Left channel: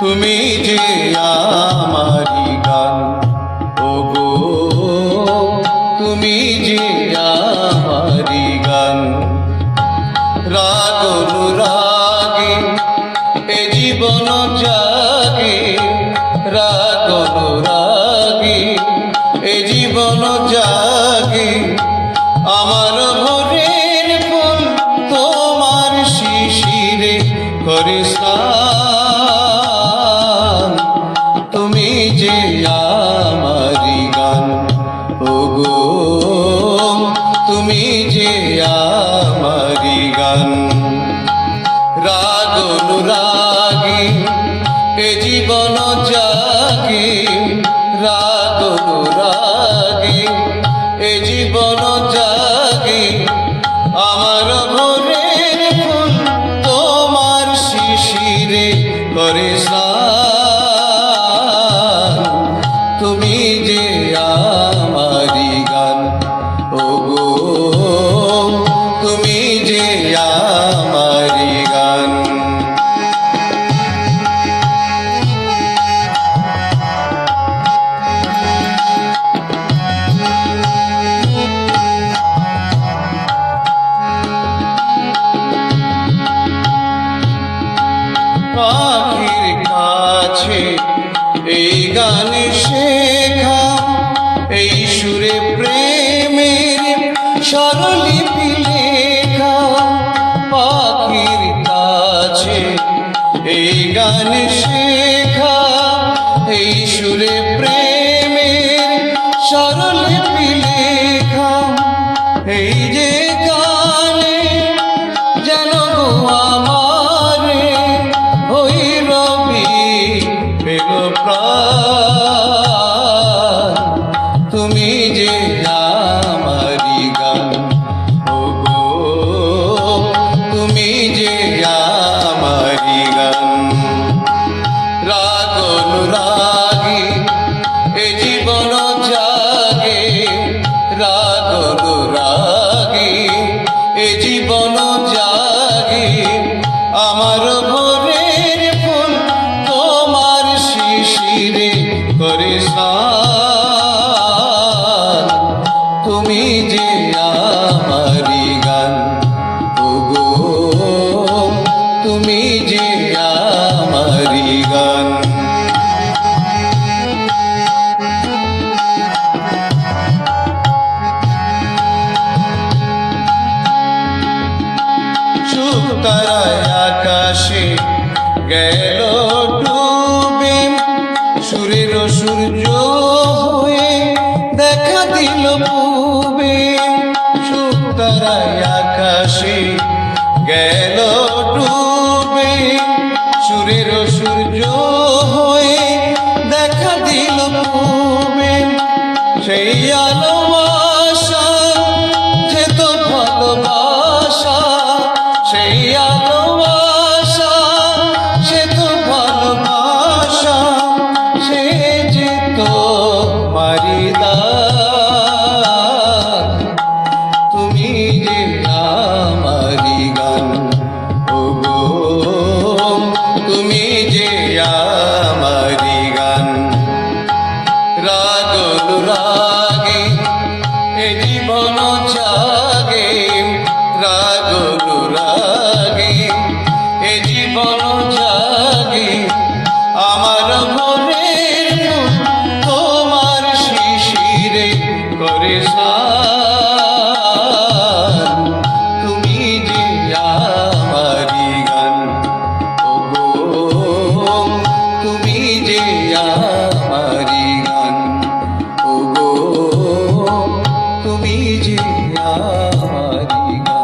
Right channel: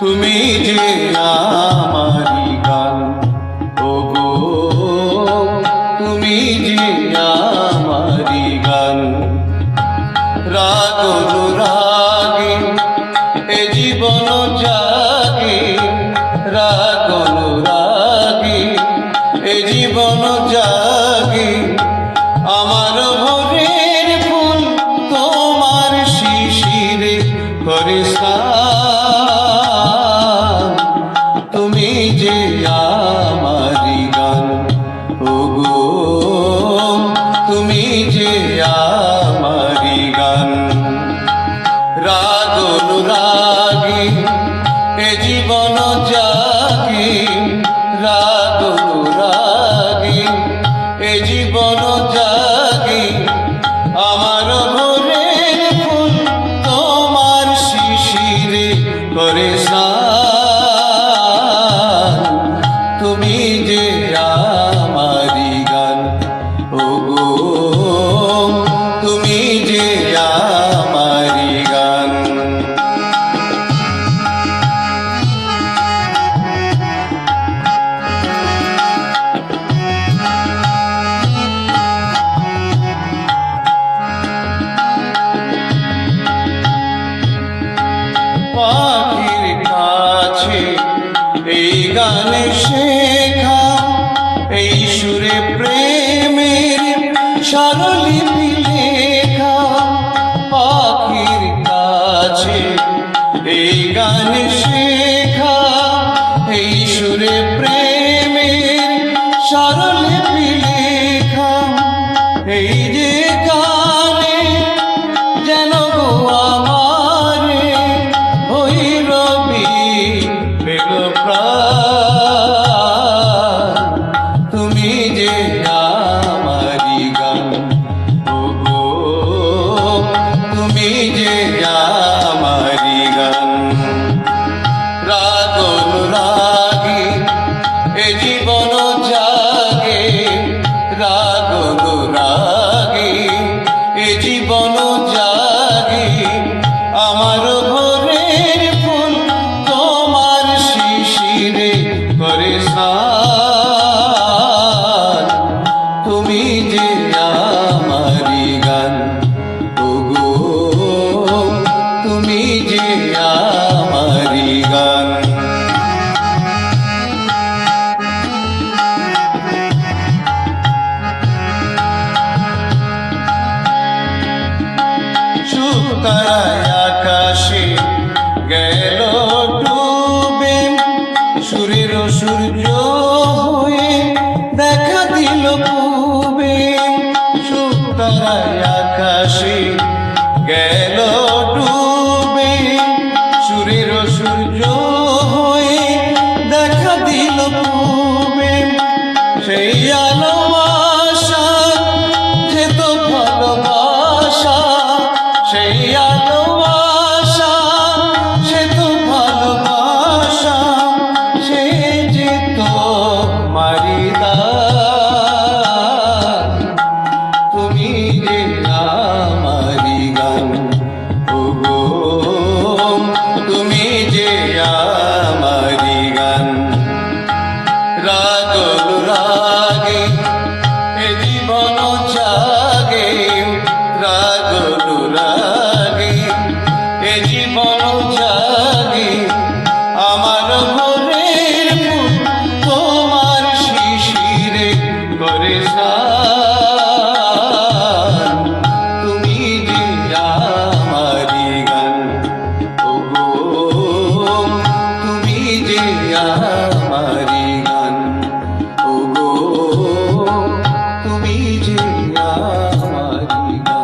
তুমি যে আমারি গান, ওগো, তুমি যে আমারি গান। রাগ অনুরাগে, এ জীবন জাগে, রাগ অনুরাগে, এ জীবন জাগে। আমার ভোরের ফুল তোমার শিশিরে করে যে আমারি গান। ওগো তুমি যে আমারি গান। রাগ অনুরাগে এ জীবন জাগে রাগ তুমি যে আমারি গান ওগো তুমি যে আমারি গান। পাখির কাছে এই স্বরলিপি লেখা পাখির কাছে এই গান শেখা এই সুরে রাগ সুতারায় আকাশে গেল রাগ রাগে এ জীবন জাগে। রাগ রাগে এ জীবন জাগে। আমার ঘরের তোমার শিশিরে করে সা রে আমার